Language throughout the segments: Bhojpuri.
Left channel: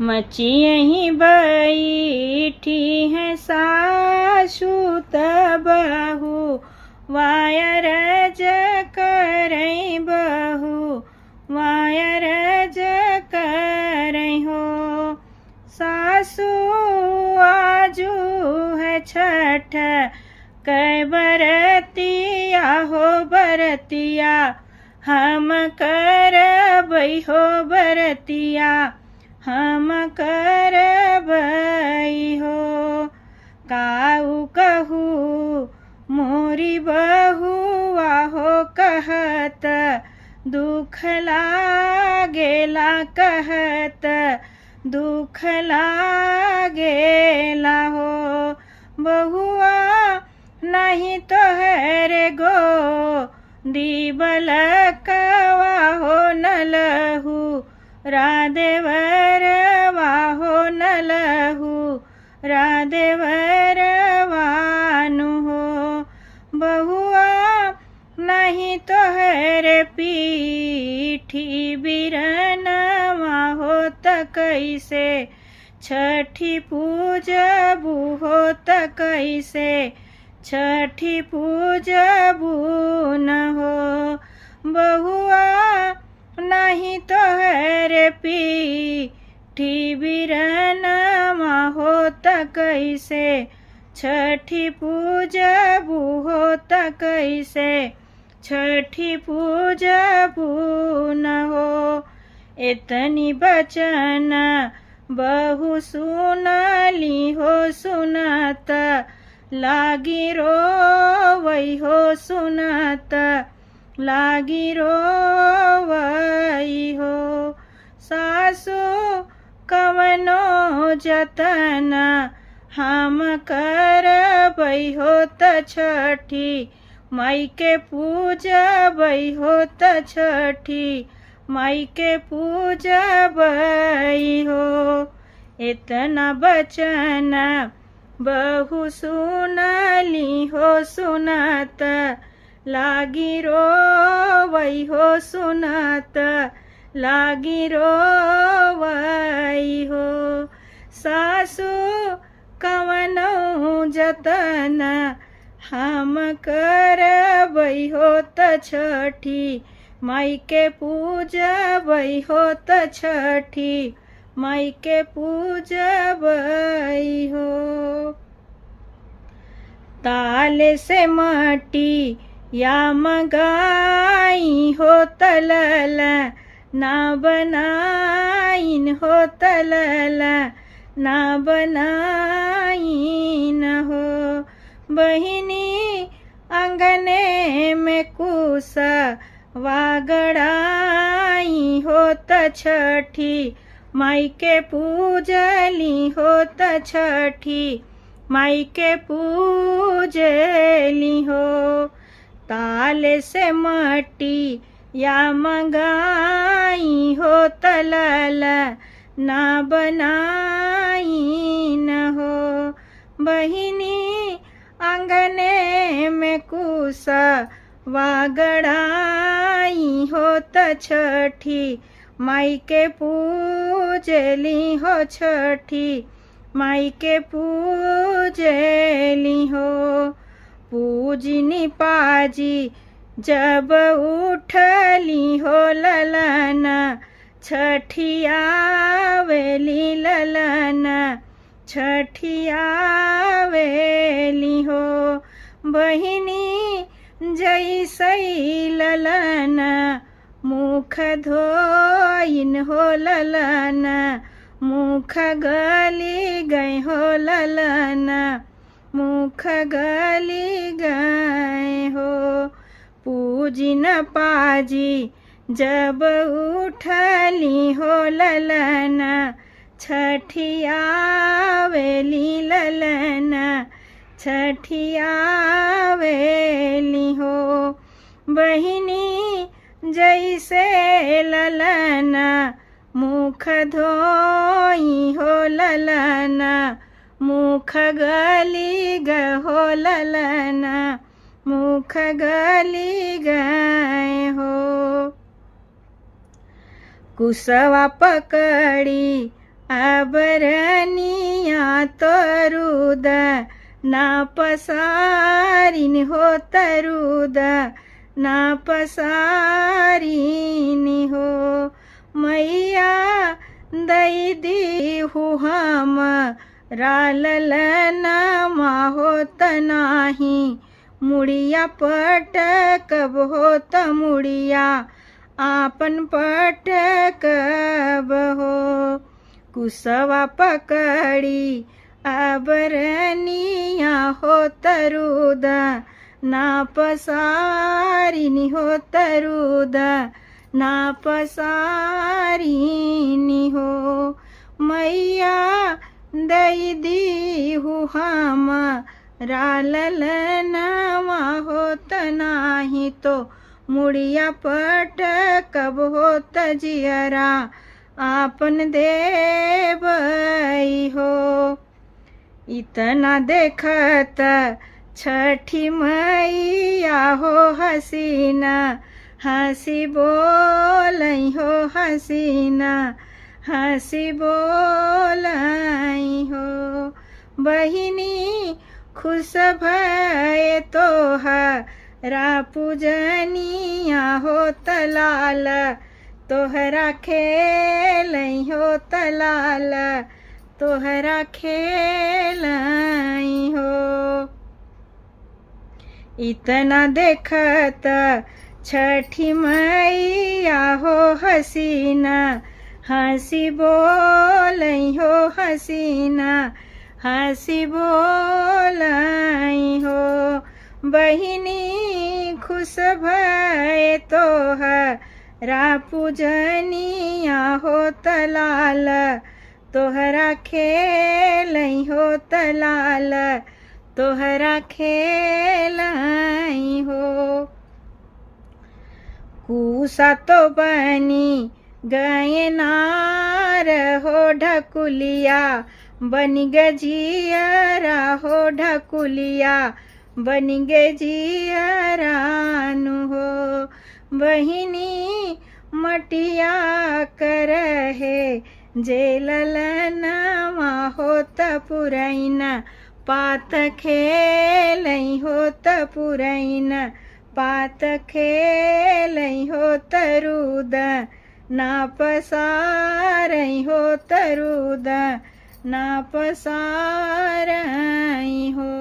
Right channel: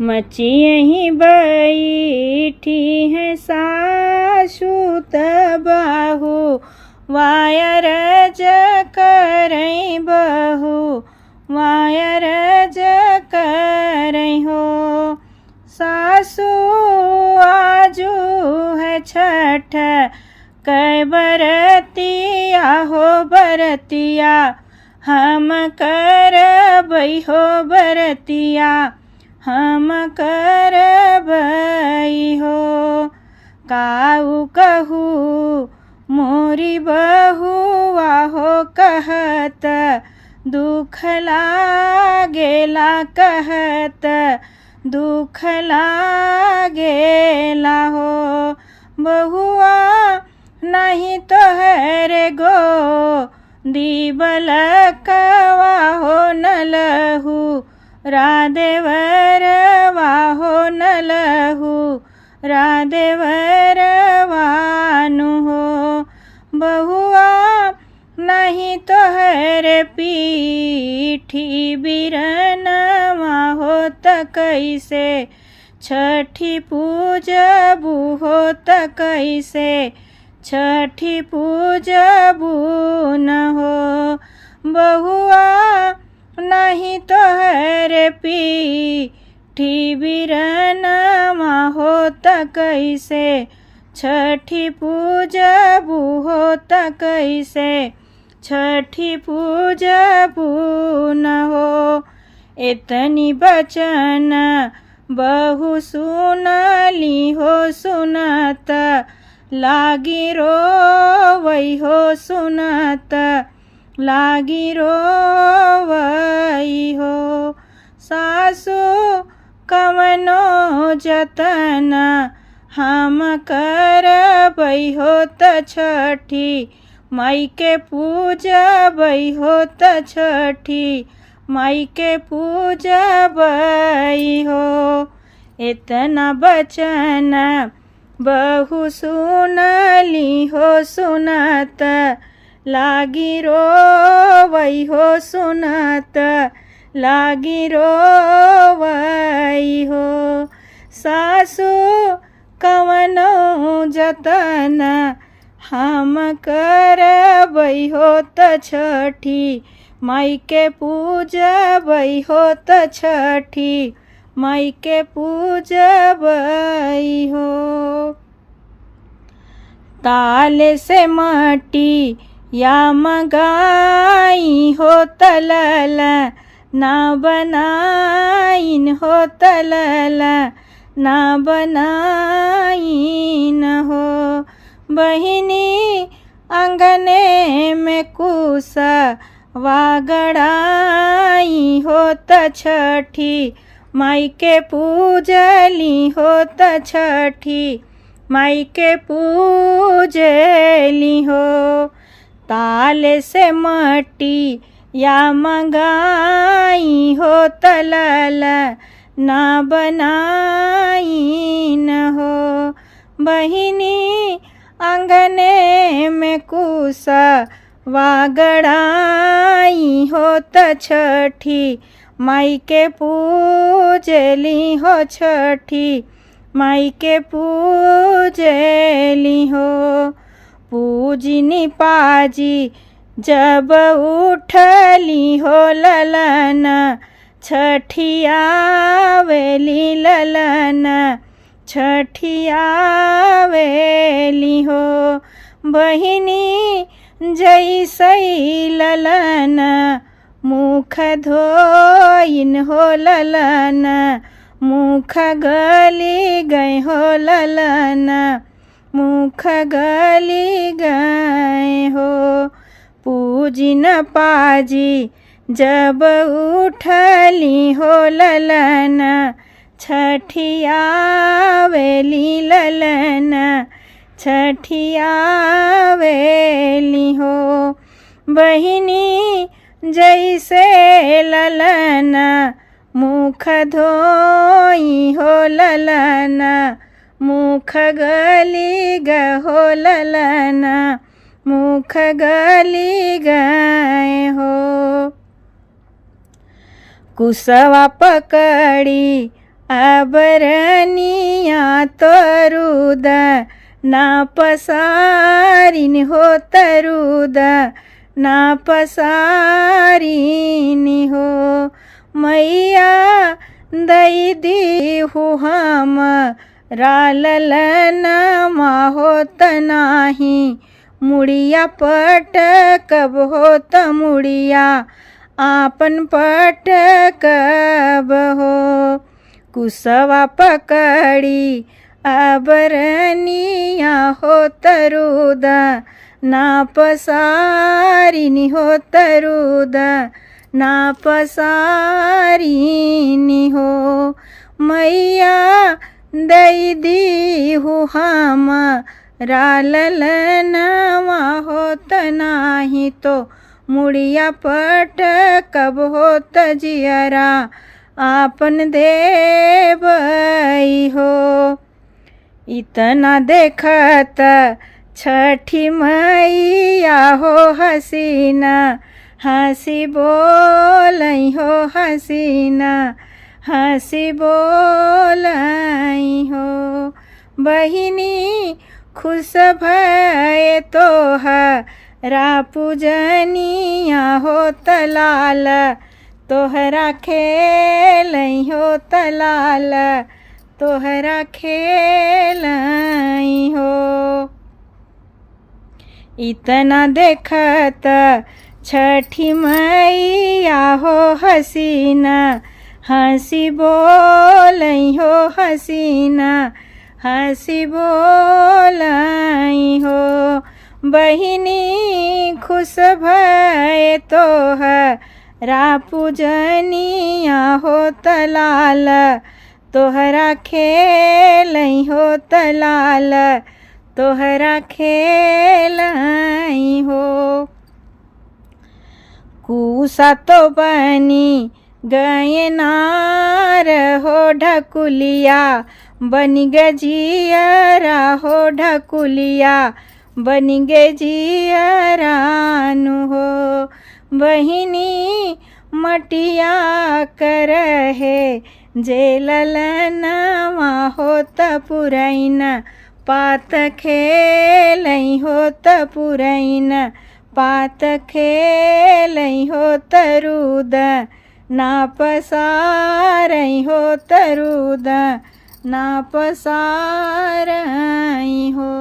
मची यहीं बैठी है सासू तबहू वायरज करई बहू वायरज करई हो। सासू आजू है छठ कै बरतिया हो बरतिया हम करबई हो बरतिया हम करबई हो। काऊ कहू मोरी बहुआ हो कहत दुख लागेला कहत दुख लागेला हो। बहुआ नहीं तो है गो दीबलकवा हो न लहू राधेवरवा हो न लहू राधेवरवानु हो। बहुआ नहीं तो है पीठी बिरनवा हो त कैसे छठी पूजबू हो त कैसे छठी पूजबू न हो। बहुआ नहीं तो है पीठी बिरनवा हो त कैसे छठी पूजबू हो त कैसे छठी पूजबू न हो। इतनी बचन बहु सुनली हो सुनत लागी रोवई हो सुनत लागी रोवई हो। सासू कवनो जतन हम करबई हो त छठी माई के पूजबई हो त छठी माई के पूजबई हो। इतना बचन बहु सुनली हो सुनत लागी रोवई हो सुनत लागी रोवई हो। सासू कवनो जतन हम करबई हो त छठी माई के पूजबई हो त छठी माई के पूजबई हो। ताल से मटी या मगाई हो तलल ना बनाइन हो तलल ना बनाइन हो। बहिनी अंगने में कुस वागड़ाई हो त छठी माई के पूजली हो त छठी माई के पूजली हो। ताल से मटी या मंगाई हो तलल ना बनाई न हो। बहिनी अंगने में कुस वागड़ाई हो त छठी माई के पूजली हो छठी माई के पूजली हो। पूजनी पाजी जब उठली हो ललन छठियावेली ललन छठियावेली हो। बहिनी जैसे ललन मुख धोइन हो ललन मुख गली गए हो ललन मुख गली गए हो। पूजिन पाजी जब उठली हो ललन छठियावेली ललन छठियावेली हो। बहिनी जैसे ललन मुख धोई हो ललन मुख गली गहो ललन मुख गली गए हो। कुसवा पकड़ी अबरनिया तरुद ना पसारिन हो तरुद ना पसारिन हो। मैया दई दीहु हम ललनमा होत नाही मुड़िया पटकब होत मुड़िया आपन पटकब हो। कुसवा पकड़ी अबरनिया हो तरुद ना पसारिनी हो तरुद ना पसारिनी हो। मैया दई दीहु हम ललनमा होत नाही तो मुड़िया पटकब होत जियरा आपन देवई हो। इतना देखत छठी मैया हो हसीना हंसी बोलई हो हसीना हंसी बोलई हो। बहिनी खुश भये तोहरा पूजनिया हो तलाल तोहरा खेलई हो तलाल तोहरा खेलई हो। इतना देखत छठी मैया हो हसीना हंसी बोलई हो हसीना हंसी बोलई हो। बहिनी खुश भये तोहरा पूजनिया हो तलाल तोहरा खेलई हो तलाल तोहरा खेलई हो। कूसा तो बनी गए नार हो ढकुलिया बन गे जियरा हो ढकुलिया बन गे जियरानु हो। बहिनी मटिया करहे जे ललनमा होत पुरैन पात खेलई होत पुरैन पात खेलई हो तरुद ना पसारई हो तरुद ना पसारई हो।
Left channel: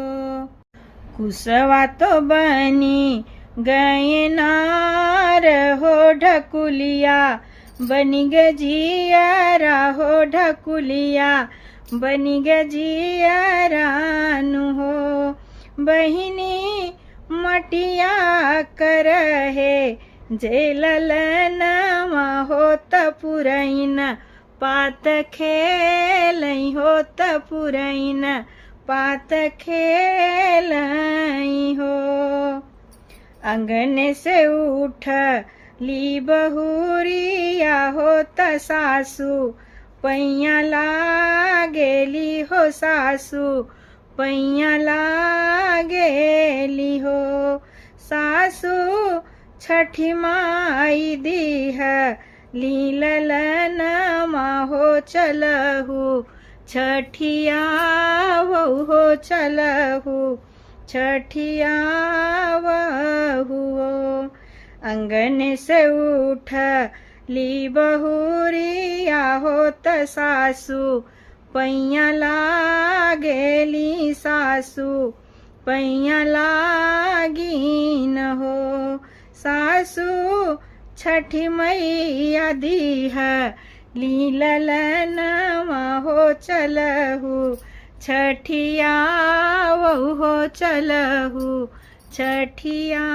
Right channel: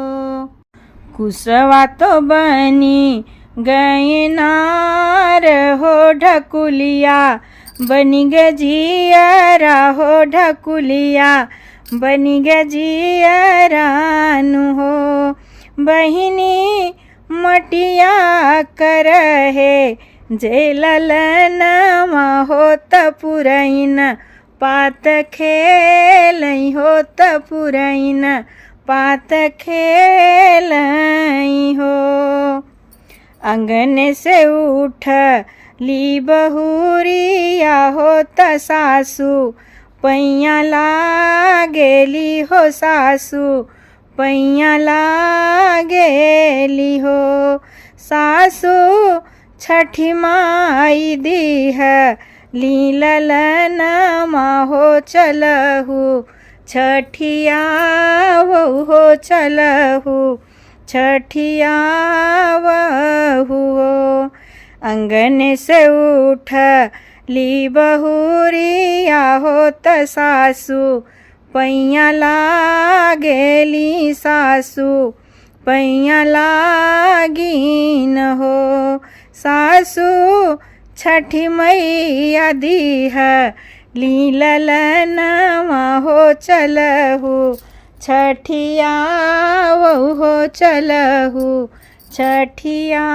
कुसवा तो बनी गए नार हो ढकुलिया बनी गे जियरा हो ढकुलिया बनी गे जियरानु हो। बहिनी मटिया करहे जे ललनमा होत पुरैन पात खेलई होत पुरैन पात खेलई हो। अंगन से उठ ली बहुरिया होत सासू पैया लागेली हो सासू पैया लागेली हो। सासू छठी माई दीह ली ललनमा हो चलहु छठिया हो चलहु छठिया हो। अंगन से उठ ली बहुरिया होत सासू पैया लागेली सासू पैया लागीन हो। सासू छठी मैया दीह ली ललनमा हो चलहु छठिया हो चलहु छठिया।